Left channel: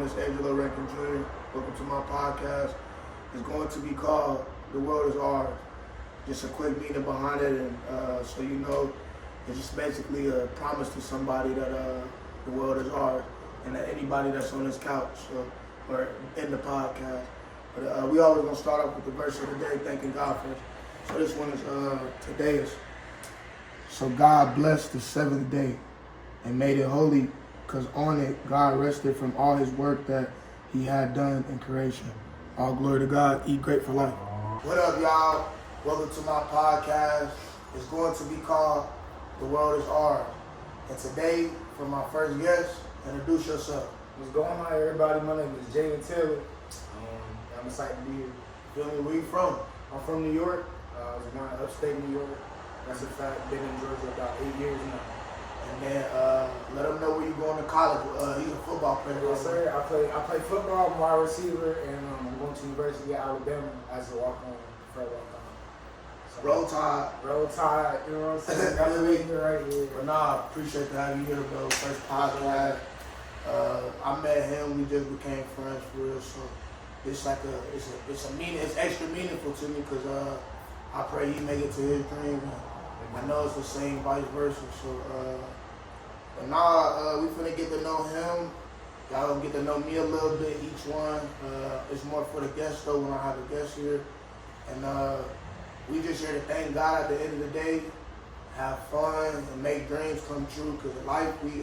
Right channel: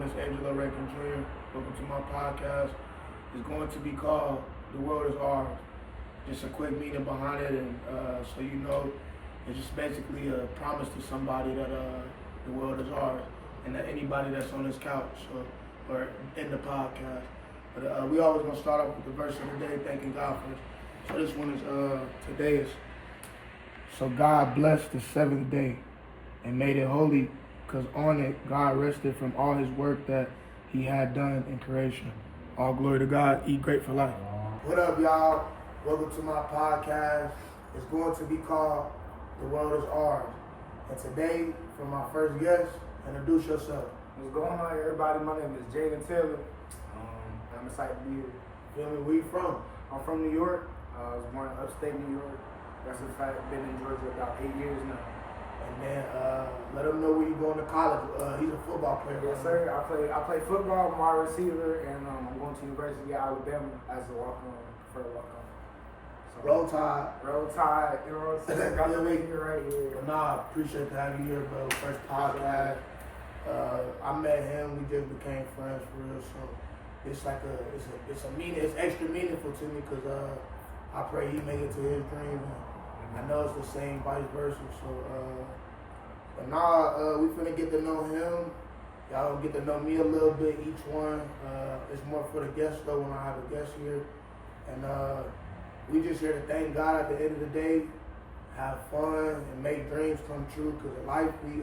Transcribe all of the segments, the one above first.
everyone. It's Angelo Jr. Welcome to my podcast. It's going to be called The World Is Ours. Just a quick meaning behind it, and so you know, it's just basically a promise to somebody that the world is ours, and that anybody that's on this couch or in the podcast. But we always gonna start off with the verse of the day, thanking God for it. So this one is today is. So God blessed the seventh day and made it holy, because on it God rested from all his work that he had done in creation. All glory to God. Eat great for life. What up, y'all? Welcome to my podcast. It's going to be called The World Is Ours. And today, for my first guest, introduce yourself. What's going on, everybody? My name is Jayden Taylor. I'm excited to be here. Feel me? Where you from? I'm from New York. I was born in upstate New York. That's a fact. Been in Georgia about 8 years now. And then let them know where you going to college. He's a football player. Yes, sir. I play football. I'm a wide receiver, and I'm going to University of Alabama as a walk-on, for a walk-on. So, Roll Tide. Roll Tide. You know what I'm saying? Got the week right here. But nah, appreciate to have you here, bro. First podcast. I met him. We just became friends for real. So it's like it's extra meaningful to me because I pray he make it to his dreams. I know it's the same vice versa. So but now we finna get to know him. Y'all gonna get to know me a little bit, each one. It's more for the guests though when I have a guest here. And we just here to thank God at the end of the day, have fun and make dreams come true. Cause life we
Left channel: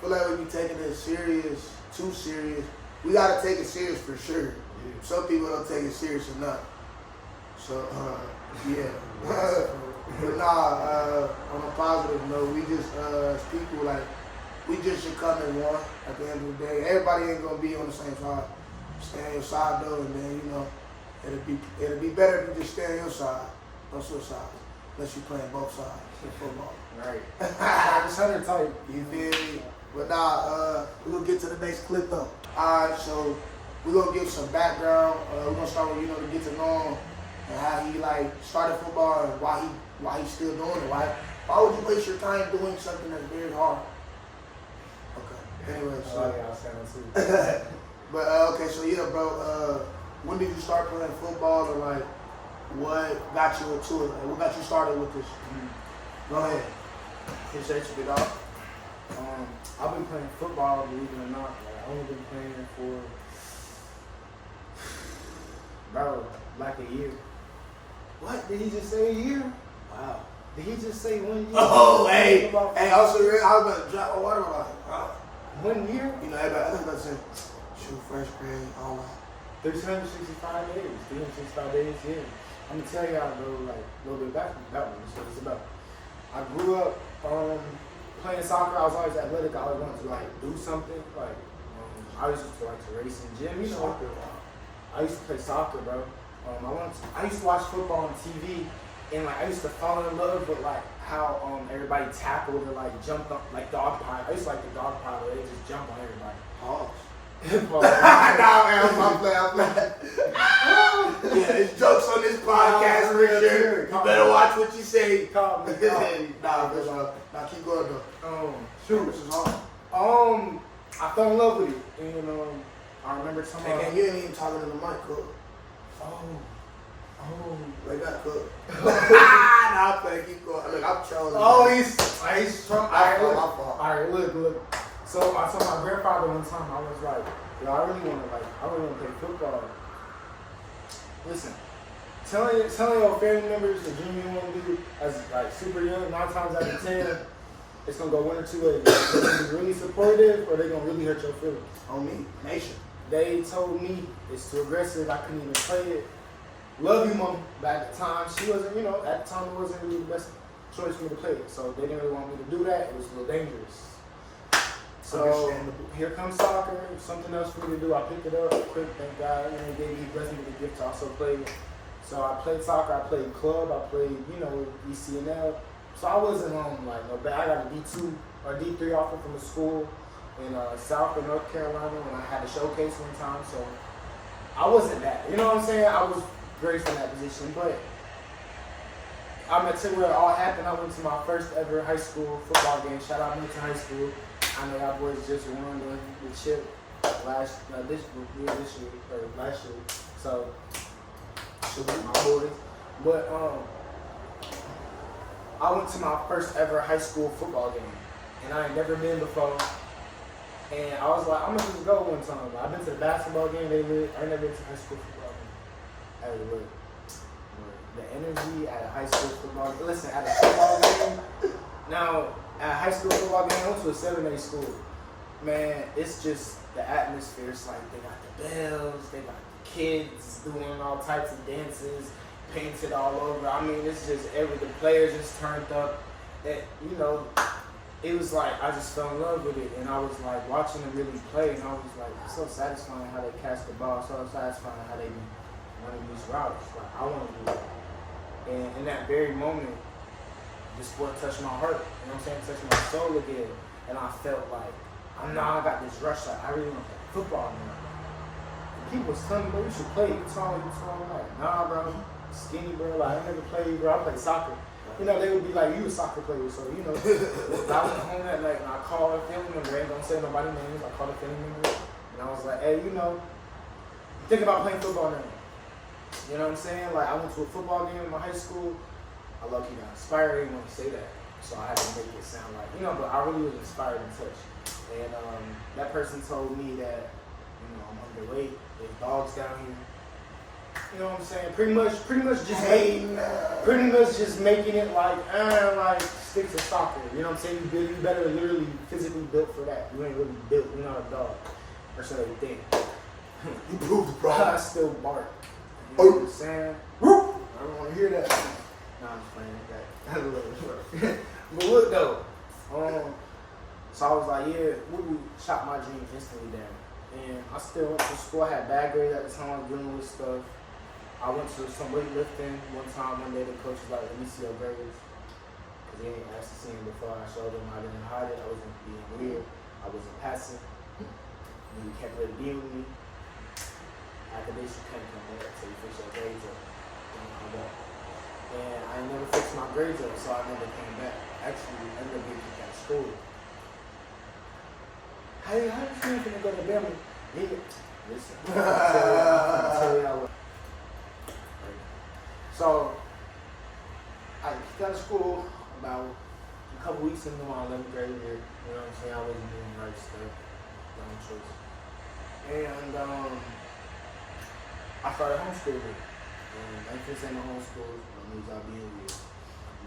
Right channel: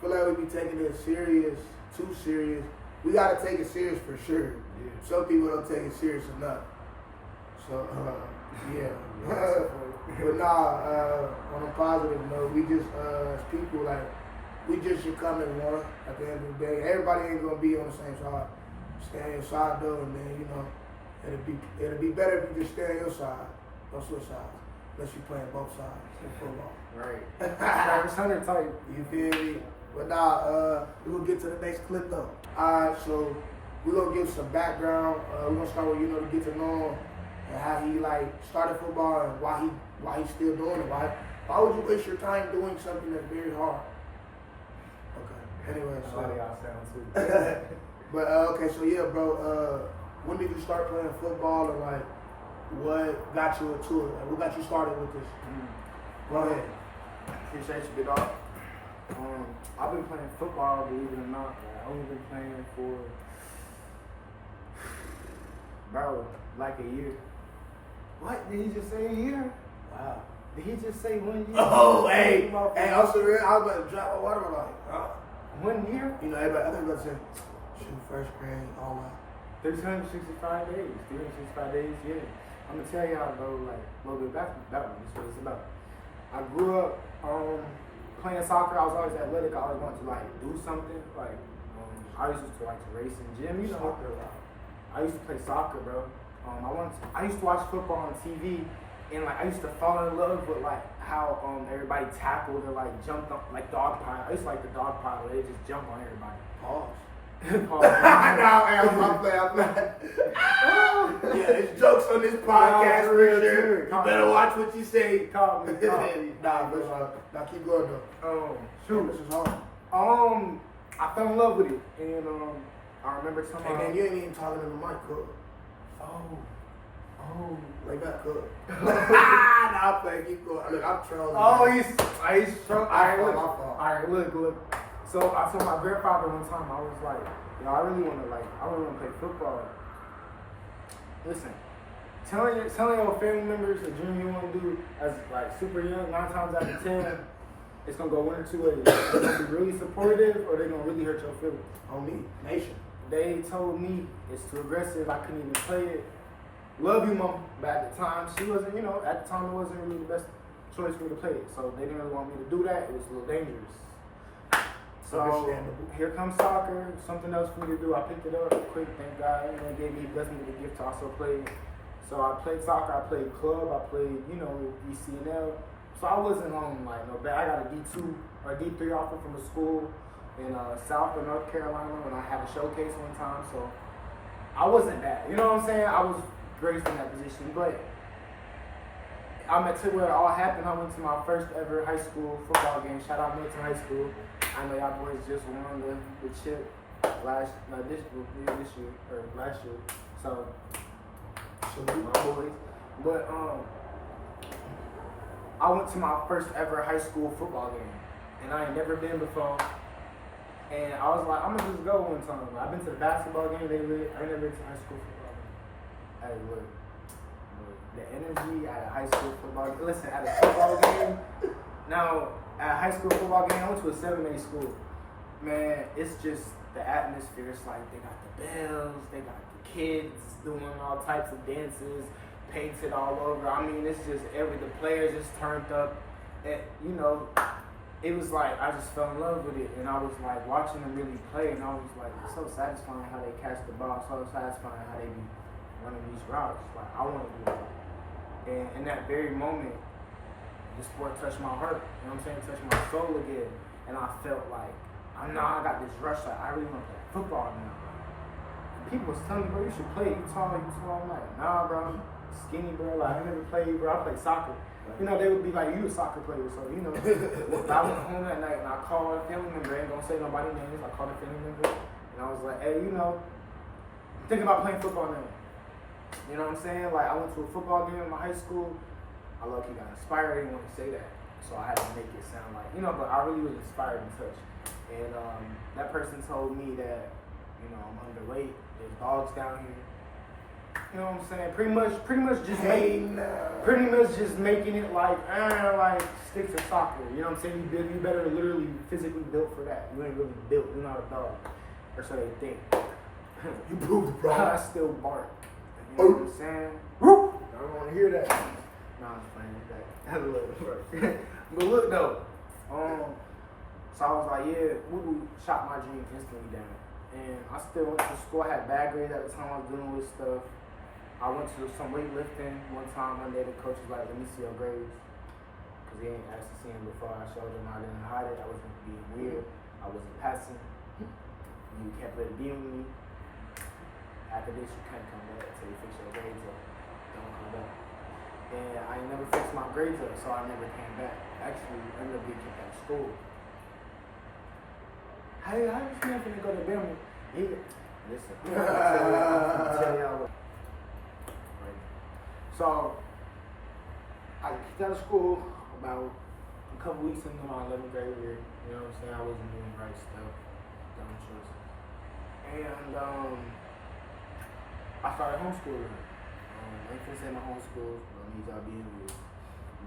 feel like we be taking it serious, too serious. We gotta take it serious for sure. Yeah. Some people don't take it serious enough. So yeah. But nah, on a positive note, we just as people, like, we just should come as one at the end of the day. Everybody ain't gonna be on the same side. Stay on your side though, and then you know, it'll be better if you just stay on your side, don't switch sides. Unless you playing both sides in football. Right. Just 100 type. You feel me? But nah, we're gonna get to the next clip though. Alright, so we're gonna give some background. We're gonna start with, to get to know him and how he like started football and why he's still doing it. Why would you waste your time doing something that's very hard? Okay. Anyway, so y'all sound too. But okay, so yeah, bro. When did you start playing football, and like what got you into it? Like, what got you started with this? Go ahead. Appreciate you, get off. I've been playing football, believe it or not. I've only been playing for like a year. What? Did he just say a year? Wow. Did he just say 1 year? Oh, hey, also, I was about to drop my water like, huh? 1 year? You know, everybody else about to say, shoot, first grade, all that. 365 days. 365 days, yeah. I'm gonna tell y'all though, like, a little bit back from that one. So it's about, I grew up playing soccer. I was always athletic. I always wanted to like do something. Like, I used to like to race in gym. You know, I used to play soccer, bro. I used to watch football on TV, and like I used to fall in love with like how everybody tackled and like jumped up like dog pile. I used to like the dog pile where they just jump on everybody. Pause. Pause. I'm playing. Yeah, there's jokes on this podcast, real sure. You better watch what you say. Call me. Nah, keep going though. Shoot. This is hard. I fell in love with it, and I remember somehow. And you ain't even talking to the mic, cook. They got cooked. Nah, I'm playing. Keep going. Look, I'm trolling. He's trolling. Alright, look. So I told my grandfather one time, I was like, yo, I really want to play football. Listen, telling your family members the dream you want to do as like super young, 9 times out of 10, it's gonna go one or two ways. They're gonna be really supportive, or they're gonna really hurt your feelings. On me, nation. They told me it's too aggressive. I couldn't even play it. Love you, mama. But at the time, she wasn't. At the time, it wasn't really the best choice for me to play it. So they didn't really want me to do that. It was a little dangerous. So here comes soccer, something else for me to do. I picked it up quick, thank God. He blessed me with a gift to also play. So I played soccer, I played club, I played, ECNL. So I wasn't on like no bad. I got a D2 or D3 offer from a school in South or North Carolina when I had a showcase one time. So I wasn't that. You know what I'm saying? I was graced in that position, but I'm at where it all happened. I went to my first ever high school football game. Shout out Milton High School. I know y'all boys just won the chip this year or last year. So my boys. But I went to my first ever high school football game, and I ain't never been before. And I was like, I'm gonna just go one time. I've been to the basketball game. I ain't never been to high school football game. Hey, look, the energy at a high school football game. Listen, at a football game. Now, at a high school football game, I went to a 7A school. Man, it's just the atmosphere. It's like they got the bells, they got the kids doing all types of dances, painted all over. I mean, it's just the players just turned up. And, you know, it was like I just fell in love with it. And I was like watching them really play, and I was like, it's so satisfying how they catch the ball, so satisfying how they be running these routes. Like, I want to do that. And in that very moment, the sport touched my heart, you know what I'm saying? Touched my soul again. And I felt like, I got this rush, like, I really want that football now. And people was telling me, bro, you should play, you tall. I'm like, nah, bro, skinny, bro, like, I ain't never played, bro, I play soccer. You know, they would be like, you a soccer player, so, you know. I went home that night and I called a family member, I ain't gonna say nobody's names, I called a family member, and I was like, hey, you know, think about playing football now. You know what I'm saying? Like, I went to a football game in my high school. I low-key got inspired. I didn't want to say that, so I had to make it sound like, you know, but I really was inspired and touched. And that person told me that, you know, I'm underweight. There's dogs down here. You know what I'm saying? Pretty much just making it like stick to soccer. You know what I'm saying? You better literally physically built for that. You ain't really built. You're not a dog, or so they think. You proved, bro. I still bark. You know what I'm saying? Whoop! I don't want to hear that. Nah, I'm just playing with that. That's a little short. But look though, so I was like, yeah, we shot my dream instantly down. And I still went to school. I had bad grades at the time. I was dealing with stuff. I went to some weightlifting one time. One day the coach was like, let me see your grades. Because he ain't actually seen me before. I showed him. I didn't hide it. I wasn't being weird. I wasn't passing. And he kept it being with me. After this, you can't come back until you fix your grades up. Don't come back. And I never fixed my grades up, so I never came back. Actually, I ended up getting kicked out of school. How you gonna go to Bama? Listen, I'm gonna tell y'all what. So, I got kicked out of school about a couple weeks into my 11th grade year. You know what I'm saying? I wasn't doing the right stuff. Dumb choice. And I started homeschooling. I ain't finna say my homeschool. I need y'all being weird.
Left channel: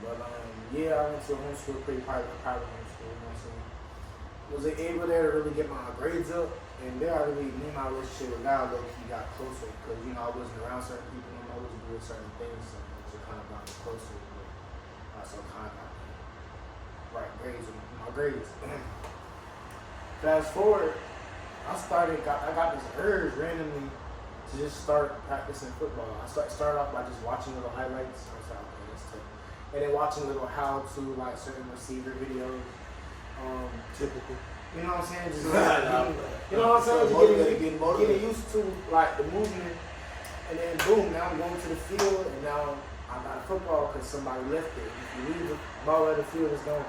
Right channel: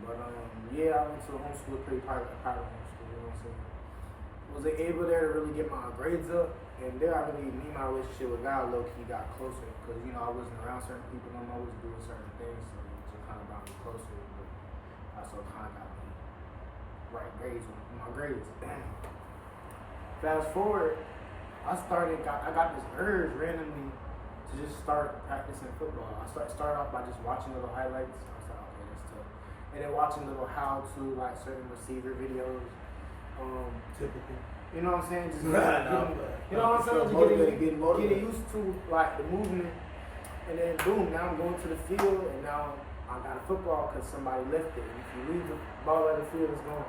But yeah, I went to a homeschool, a private homeschool. You know what I'm saying? Was able there to really get my grades up, and there I really, me and my relationship with God low-key got closer, because, you know, I wasn't around certain people no more, I was doing certain things, so it kind of got me closer, but also kind of got me right grades on my grades. Fast forward, I got this urge randomly to just start practicing football. I started off by just watching little highlights. I was like, okay, that's tough. And then watching little how-to, like, certain receiver videos. Typical. You know what I'm saying? Just you know what I'm saying? Just getting used to like the movement, and then boom, now I'm going to the field, and now I got a football because somebody left it. If you leave the ball at the field, it's gone.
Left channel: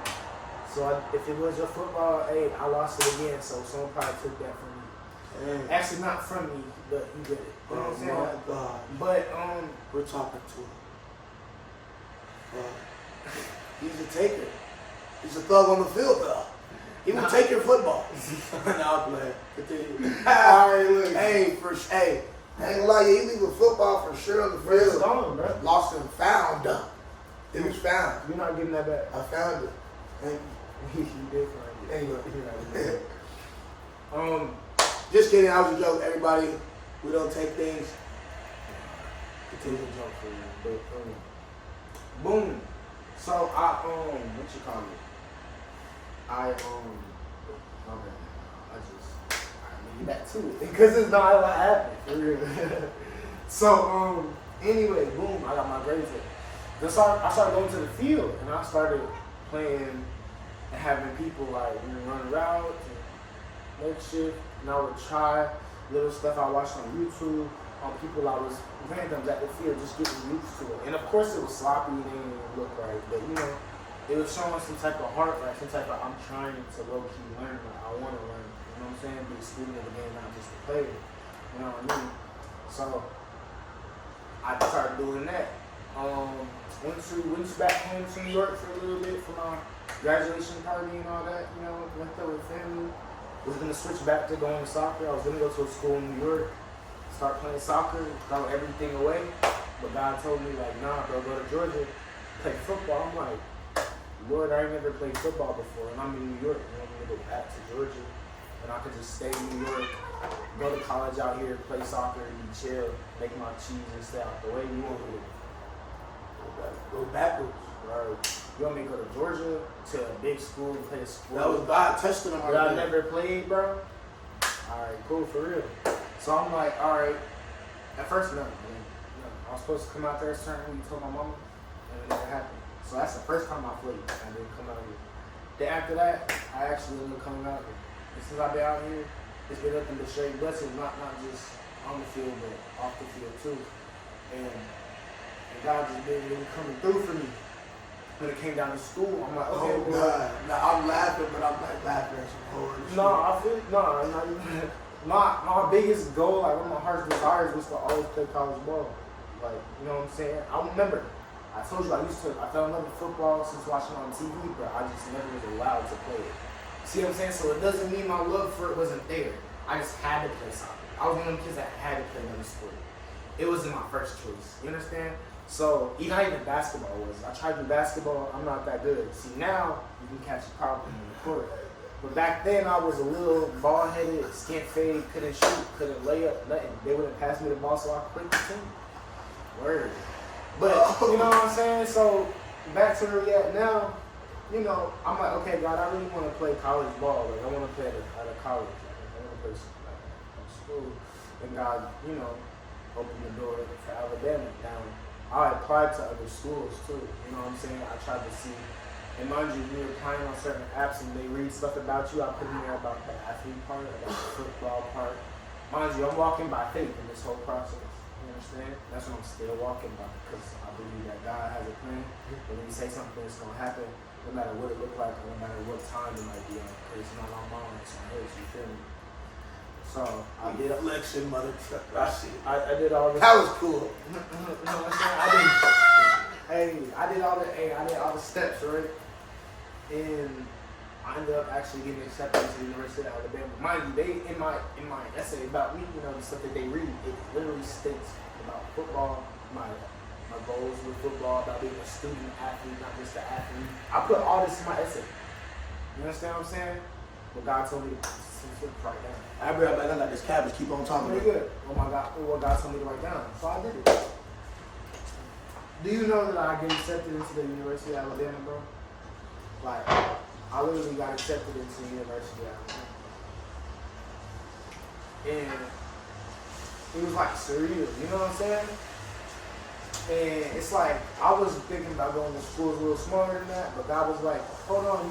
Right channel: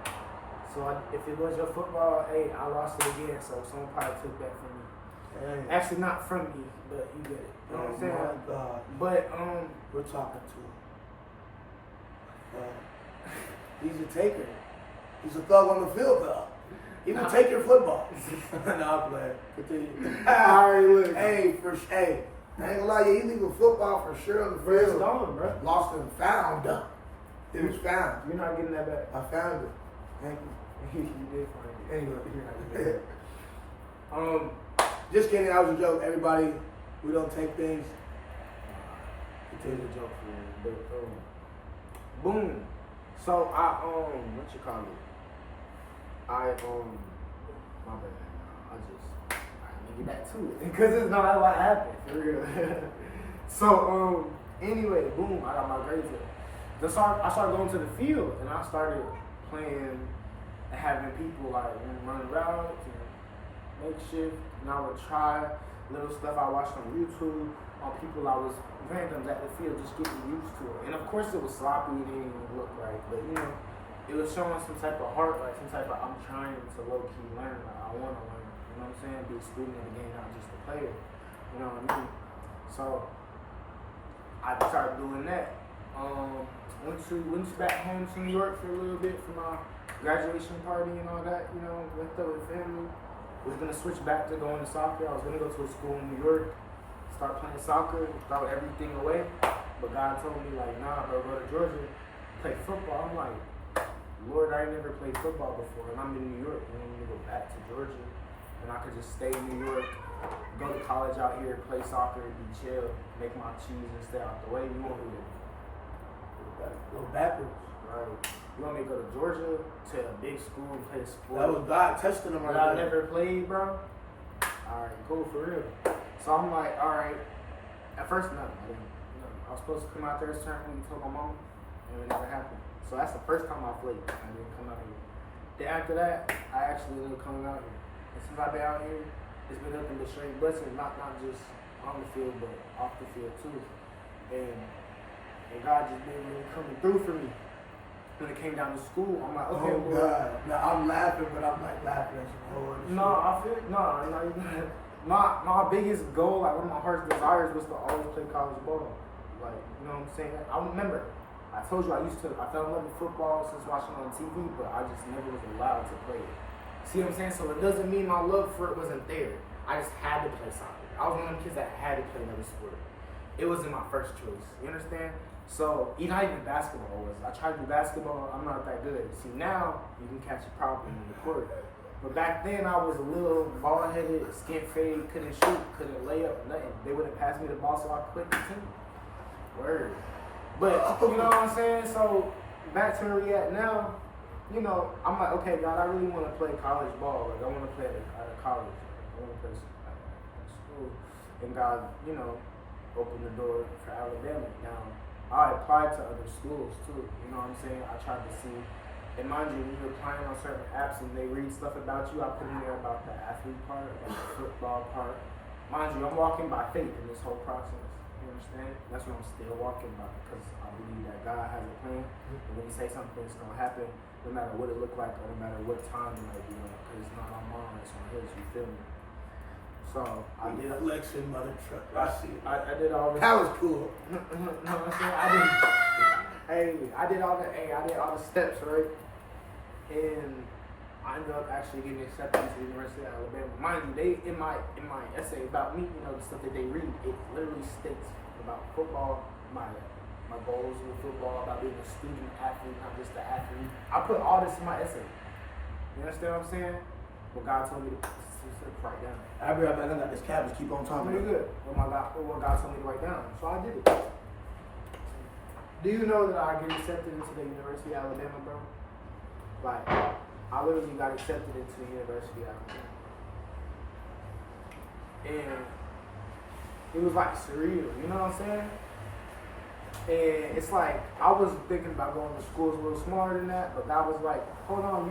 So if it was your football, hey, I lost it again. So someone probably took that from me. Dang. Actually, not from me, but you get it. You know what I'm saying? My God. But we're talking to him. He's a taker. He's a thug on the field, though. He will take your football. Nah, I'm playing. Continue. All right, look. Hey, I ain't gonna lie, he leave a football for sure on the field. It's gone, bro. Lost and found. It was found. You're not getting that back. I found it. Thank you. You did find it. Thank you. Just kidding. I was a joke. Everybody, we don't take things. Continue to joke for you. But boom. So what you call it? My bad. I get back to it because it's not a lot happened for real. So anyway, boom, I got my grades up. I started going to the field, and I started playing and having people like run routes and make shit. And I would try little stuff I watched on YouTube on people I was randoms at the field, just getting used to it. And of course it was sloppy and it didn't even look right, but you know, it was showing some type of heart, like some type of I'm trying to low key learn, like I want to learn. You know what I'm saying? Be a student of the game, not just a player. You know what I mean? So I started doing that. Went back home to New York for a little bit for my graduation party and all that, you know, went there with family. Was gonna switch back to going to soccer. I was gonna go to a school in New York, start playing soccer, throw everything away. But God told me like, nah, bro, go to Georgia, play football. I'm like, Lord, I ain't never played football before, and I'm in New York. You want me to go back to Georgia, and I could just stay in New York, go to college out here, play soccer, be chill, make my cheese, and stay out the way. You want me to Go backwards. right? You want me to go to Georgia to a big school and play a sport? That was God testing him. That I never played, bro. All right, cool, for real. So I'm like, all right. At first, no. I was supposed to come out there a certain when you told my mama, and it never happened. So that's the first time I played. I didn't come out here. Then after that, I actually ended up coming out here. And since I've been out here, it's been nothing but straight blessing, not just on the field, but off the field too. And God just been really coming through for me. When it came down to school, I'm like, okay, oh, God. Now, I'm laughing, but I'm not laughing at some horror. No, I feel not even. My biggest goal, like one of my heart's desires, was to always play college ball. Like, you know what I'm saying? I remember, I told you I fell in love with football since watching it on TV, but I just never was allowed to play it. See what I'm saying? So it doesn't mean my love for it wasn't there. I just had to play soccer. I was one of them kids that had to play another sport. It wasn't my first choice. You understand? So not even basketball was. I tried to do basketball. I'm not that good. See, now you can catch a problem in the court. But back then I was a little bald-headed, skint fade, couldn't shoot, couldn't lay up, nothing. They wouldn't pass me the ball, so I quit the team. Word. But you know what I'm saying? So back to where we at now. You know, I'm like, okay, God, I really want to play college ball. Like, I want to play at a college. I want to play at school. And God, you know, opened the door for Alabama. Now, I applied to other schools too. You know what I'm saying? I tried to see. And mind you, we were applying on certain apps and they read stuff about you. I put in there about the athlete part, about the football part. Mind you, I'm walking by faith in this whole process. You understand? That's what I'm still walking by because I believe that God has a plan. And when you say something, it's going to happen no matter what it look like or no matter what time it might be on. Because it's not my mom, it's my his, you feel me? So I did Flexion, motherfucker. I see it. I did all this. That was cool. I did all the steps, right? And I ended up actually getting accepted to the University of Alabama. Mind you, they in my essay about me, you know, the stuff that they read, it literally states about football, my goals with football, about being a student athlete, not just an athlete. I put all this in my essay. You understand what I'm saying? But God told me to write down. I be right back like this cabbage. Keep on talking. Very good. Oh my God, what God told me to write down. So I did it. Do you know that I get accepted into the University of Alabama, bro? Like, I literally got accepted into the University of Alabama. And it was like surreal, you know what I'm saying? And it's like, I was thinking about going to schools a little smaller than that, but God was like, hold on,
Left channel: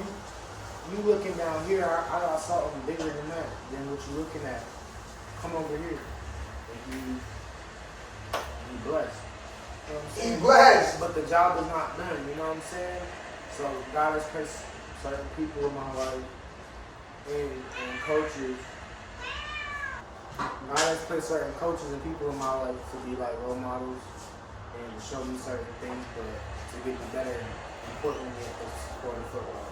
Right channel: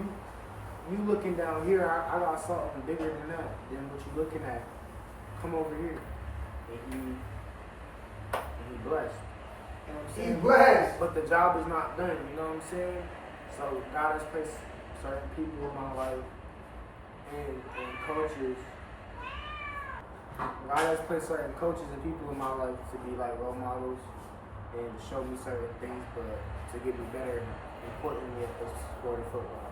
you looking down here, I got something bigger than that, than what you looking at. Come over here. And he blessed. You know what I'm saying? He blessed. But the job is not done, you know what I'm saying? So God has placed certain people in my life and coaches. God has placed certain coaches and people in my life to be like role models and to show me certain things, but to get me better, importantly, at the sport of football.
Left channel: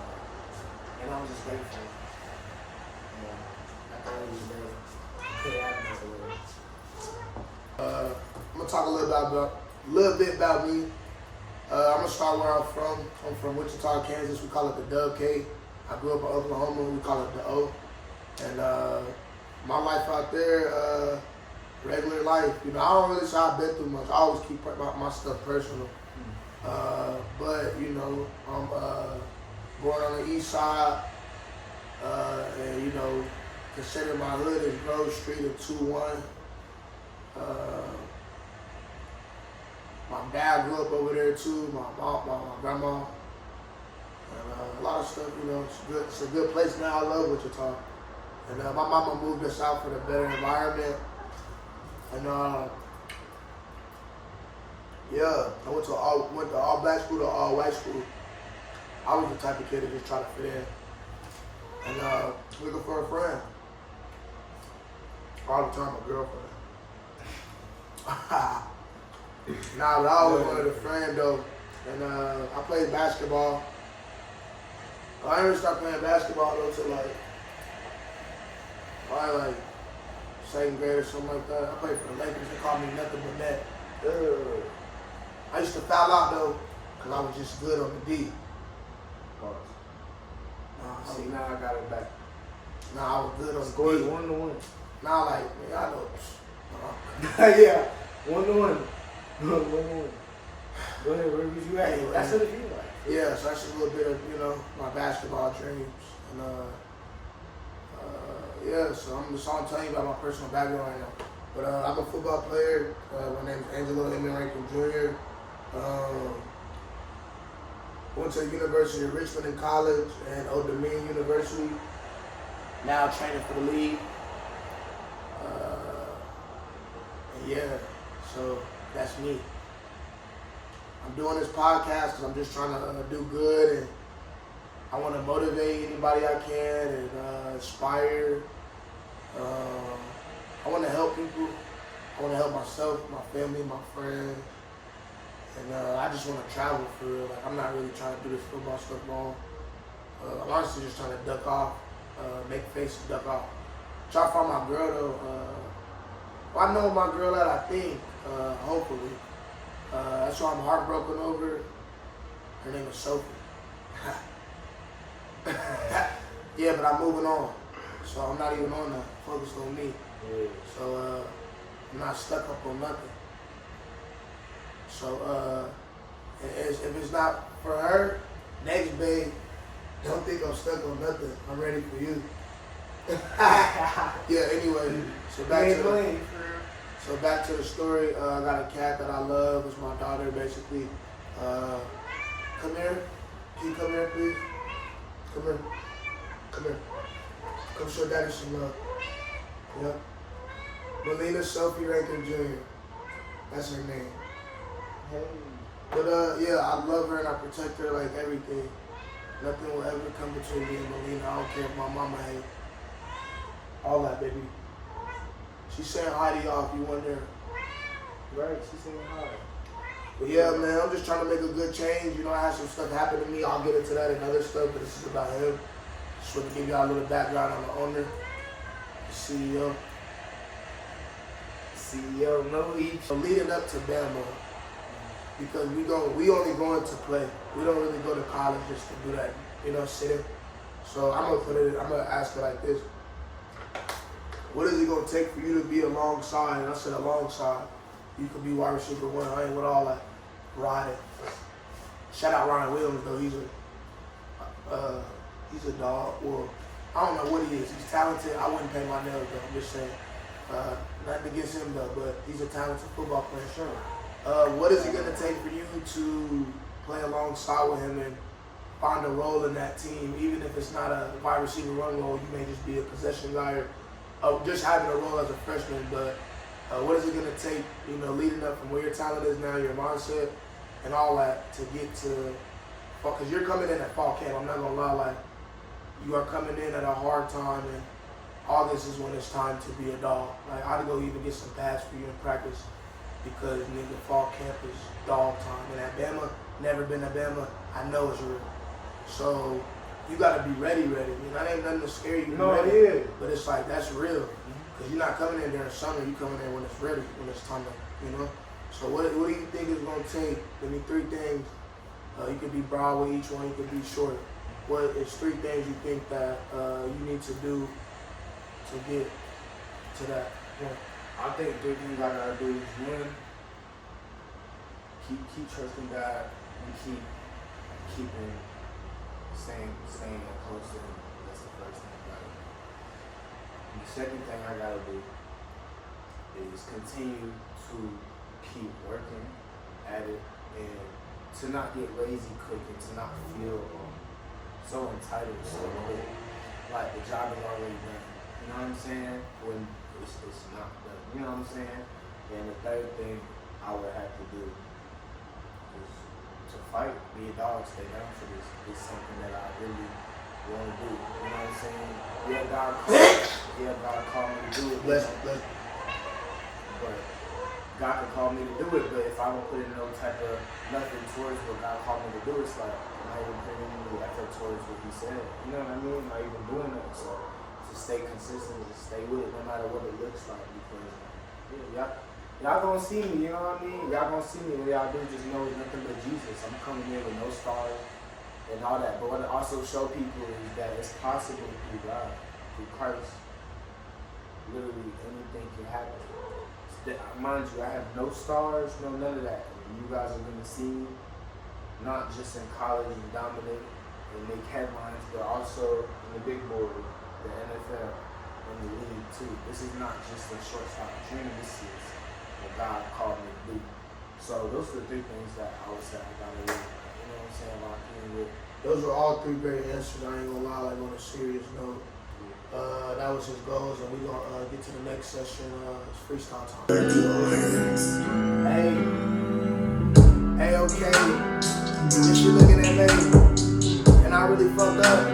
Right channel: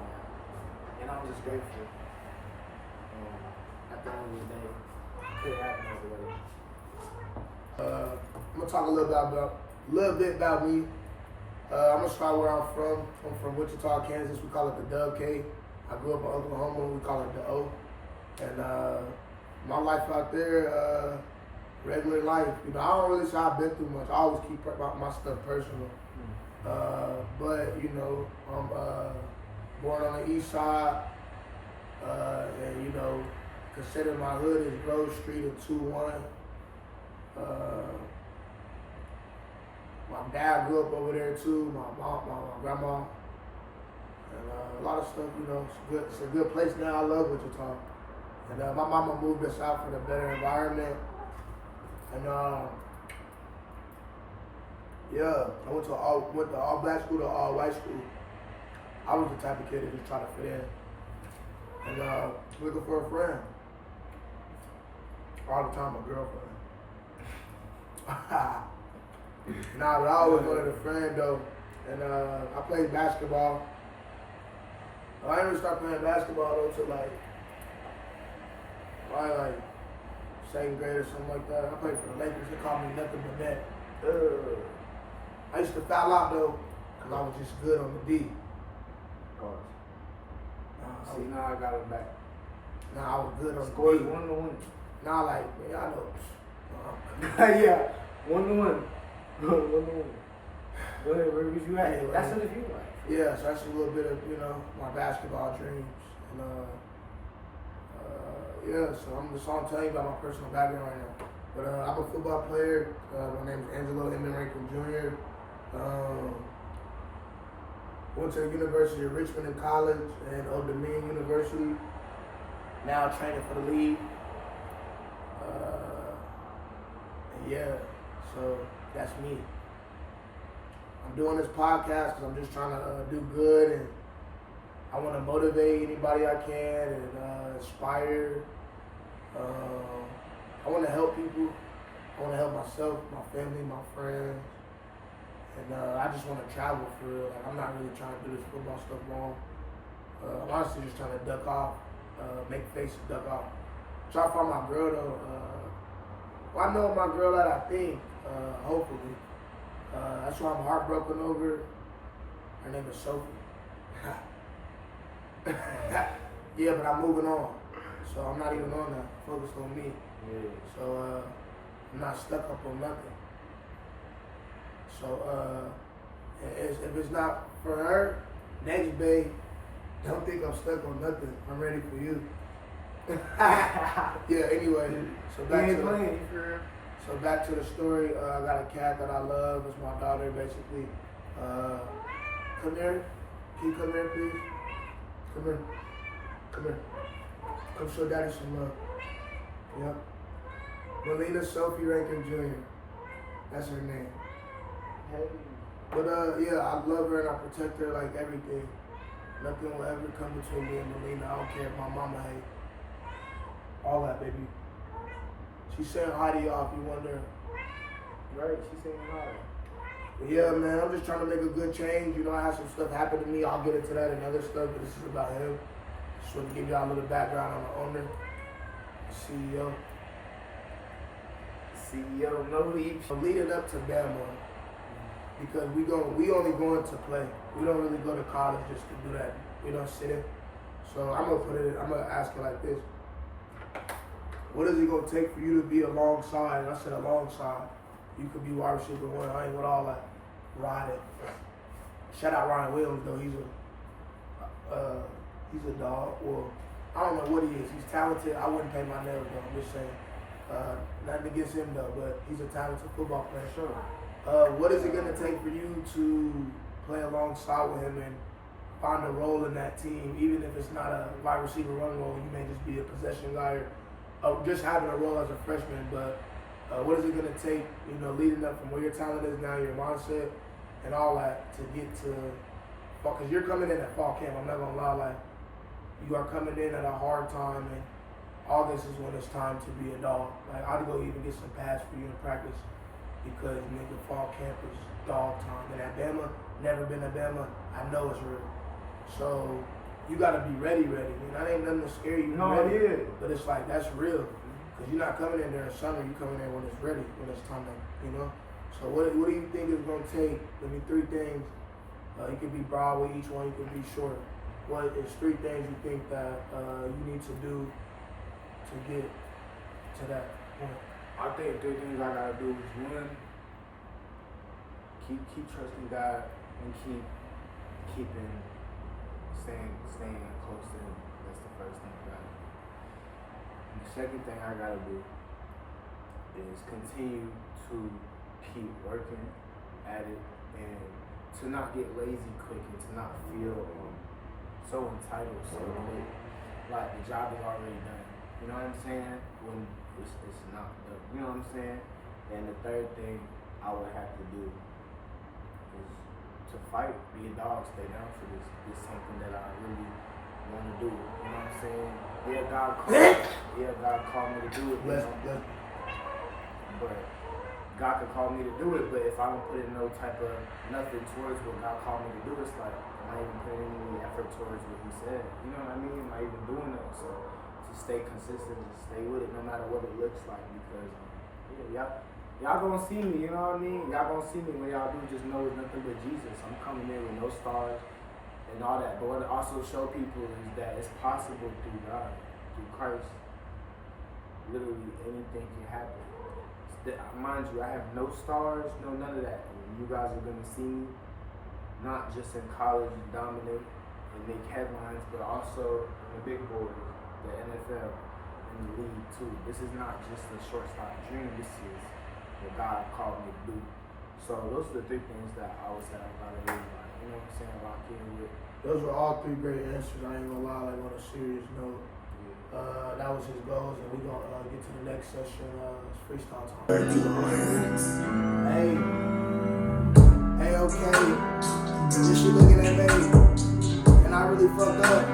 And I was just grateful. And at the end of the day, it could happen over there. I'm gonna talk a little bit about me. I'm gonna start where I'm from. I'm from Wichita, Kansas. We call it the Dub K. I grew up in Oklahoma. We call it the O. And my life out there, regular life. You know, I don't really say I've been through much. I always keep my stuff personal. But you know, I'm born on the east side, and you know, consider my hood is Grove Street and 2-1. My dad grew up over there too. My mom, my grandma, and a lot of stuff. You know, it's good. It's a good place now. I love Wichita. And my mama moved us out for the better environment. And yeah, I went to all black school to all white school. I was the type of kid that just tried to fit in. And looking for a friend. All the time, my girlfriend. Nah, but I always wanted a friend though. And I played basketball. I didn't start playing basketball though till probably like 2nd grade or something like that. I played for the Lakers. They called me nothing but net. I used to foul out though, because I was just good on the D. See, now I got it back. Nah, I was good on Scores the D. 1-1. Nah, like, man, I know. Yeah, 1-1. 1-1. Go ahead, where was you at? Anyway. That's what it feels like. Yeah, so that's a little bit of, my basketball dreams. And, yeah, so I'm telling you about my personal background right now. But I'm a football player. My name is Angelo Jr. Went to the University of Richmond in college and Old Dominion University. Now training for the league. Yeah, so that's me. I'm doing this podcast because I'm just trying to do good, and I want to motivate anybody I can and inspire. I want to help people. I want to help myself, my family, my friends, and I just want to travel for real. Like, I'm not really trying to do this football stuff long. I'm honestly just trying to duck off, make faces, duck off. Try to find my girl though. I know my girl that I think, hopefully. That's why I'm heartbroken over. Her name is Sophie. Yeah, but I'm moving on. So I'm not even on that. Focus on me. Yeah. So I'm not stuck up on nothing. So if it's not for her, next babe, don't think I'm stuck on nothing. I'm ready for you. Yeah, anyway, so back to the story. I got a cat that I love. It's my daughter, basically. Come here. Can you come here, please? Come here. Come here. Come show daddy some love. Yep. Melina Sophie Rankin Jr. That's her name. Hey. But yeah, I love her and I protect her like everything. Nothing will ever come between me and Melina. I don't care if my mama hates. All that, baby. She's saying hi to y'all if you wonder. Right, she's saying hi. But yeah, man, I'm just trying to make a good change. I had some stuff happen to me. I'll get into that and other stuff, but this is about him. Just want to give y'all a little background on the owner, the CEO. CEO, no leave. So leading up to Bama, because we only going to play. We don't really go to college just to do that, sitting. So I'm gonna ask her like this. What is it gonna take for you to be alongside? And I said alongside. You could be wide receiver one. I ain't with all that riding. Shout out Ryan Williams though. He's a dog. Well, I don't know what he is. He's talented. I wouldn't pay my nails though. I'm just saying. Not against him though, but he's a talented football player. Sure. What is it gonna take for you to play alongside with him and find a role in that team, even if it's not a wide receiver run role? You may just be a possession guy or just having a role as a freshman, but what is it going to take, leading up from where your talent is now, your mindset, and all that to get to, because you're coming in at fall camp, I'm not going to lie, like, you are coming in at a hard time, and August is when it's time to be a dog. Like, I'd go even get some pads for you in practice, because nigga, fall camp is dog time. And at Bama, never been to Bama, I know it's real. So, you got to be ready. That ain't nothing to scare you. No, ready. yeah. But it's like, that's real. Because you're not coming in during summer, you're coming in when it's ready, when it's time to, So what do you think it's going to take? Give me 3 things. You could be broad with each one, you could be short. What is 3 things you think that you need to do to get to that point? I think 3 things I gotta do is one, keep trusting God and staying close to Him. That's the first thing I gotta do. And the second thing I gotta do is continue to keep working at it and to not get lazy quick and to not feel so entitled so quick. Like the job is already done. You know what I'm saying? When it's not done. You know what I'm saying? And the third thing I would have to do is to fight, be a dog, stay down for this. It's something that I really want to do. You know what I'm saying? Yeah, God called me to do it. But God could call me to do it, but if I don't put in no type of nothing towards what God called me to do, it's like I'm not even putting any effort towards what He said. You know what I mean? Not even doing it. So just stay consistent, just stay with it, no matter what it looks like. Because y'all gonna see me. You know what I mean? Y'all gonna see me. When y'all do, just know it's nothing but Jesus. I'm coming in with no stars and all that. But what I also show people is that it's possible through God, through Christ. Literally anything can happen. Mind you, I have no stars, no none of that. You guys are gonna see me not just in college and dominate and make headlines, but also in the big board, the NFL, and the league too. This is not just a shortstop dream. This is what God called me to do. So those are the three things that I would say about it. You know what I'm saying? About keeping with. Those are all three great answers. I ain't gonna lie, like on a serious note. That was his goals, and we're gonna get to the next session. It's freestyle time. Hey, okay. This shit looking at me, and I really fucked up,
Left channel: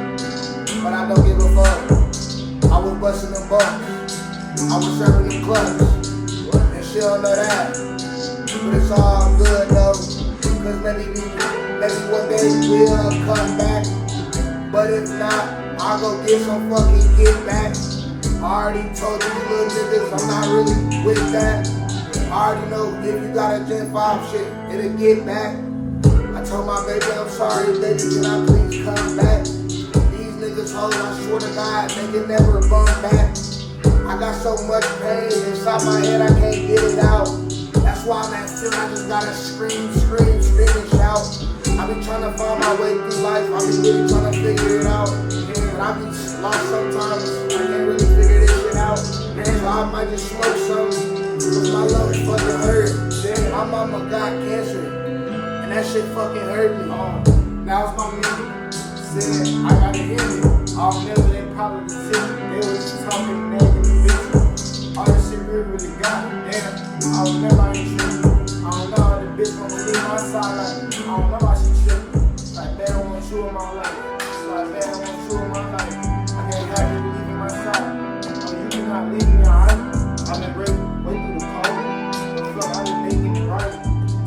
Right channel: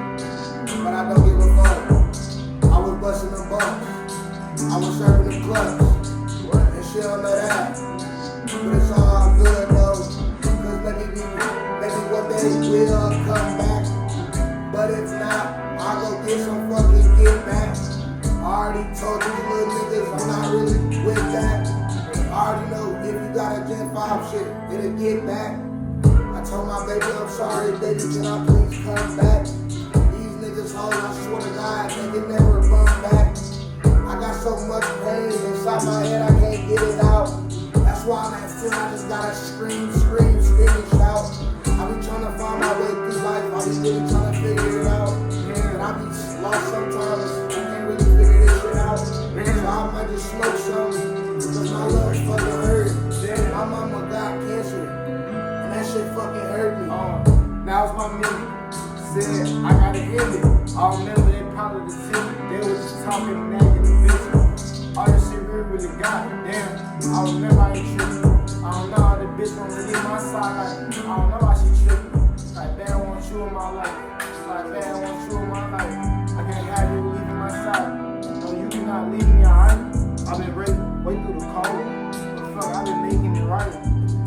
but I don't give a fuck. I was busting them bucks, I was serving them clubs, and she don't know that. But it's all good though, cause maybe one day we'll come back. But if not, I'll go get some fucking get back. I already told you little niggas I'm not really with that. I already know if you got a Gen 5 shit, it'll get back. I told my baby I'm sorry, baby, can I please come back? These niggas hoes, I swear to God, they can never bump back. I got so much pain inside my head, I can't get it out. That's why I'm at still, I just gotta scream and shout. I be trying to find my way through life, I be really trying to figure it out. And I be lost sometimes, I can't really figure this shit out. So I might just smoke some, cause my lungs fucking hurt. My mama got cancer, and that shit fucking hurt me. Now it's my minute. Said I gotta end it. I'll never they probably decision. They was just talking negative bitch. All this shit really got damn. I'll never ain't tripping. I don't know how the bitch gonna leave my side. Like, I don't know how she tripping. Like, they don't want you in my life. Like, they don't want you in my life. I can't have you leaving my side. No, you cannot leave me, alright? I've been ready, wait through the cold. But fuck, I've been making it right.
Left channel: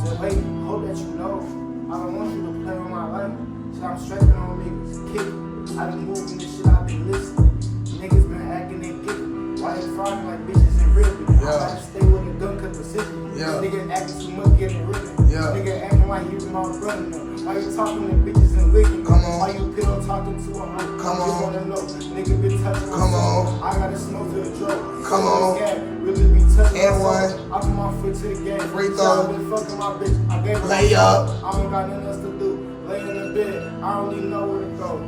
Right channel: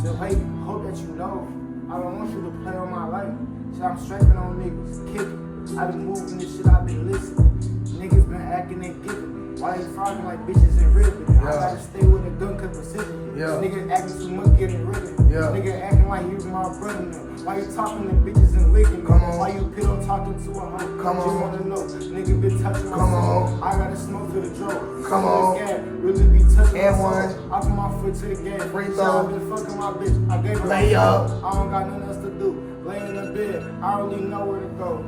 Just wait, hope that you know. I don't want you to play on my life. Shit, I'm stressing on niggas, kicking. I've been moving this shit, I've been listening. Niggas been acting and giving. Why they frogging like bitches in ribbon? I gotta stay with a gun cut precision. Nigga acting too much, getting ribbon. Nigga acting like you my brother now. Why you talking to bitches and licking? Come on. Why you pillow talking to a hoe? Come on. Just wanna know. Nigga been touching my Come soul. on. I gotta smoke to the drug. Come on. Really be touching And my soul. one. I put my foot to the game. Free Shit, throw. I been fucking my bitch. I gave her Lay up. I don't got nothing else to do. Lay in the bed. I don't really know where to go.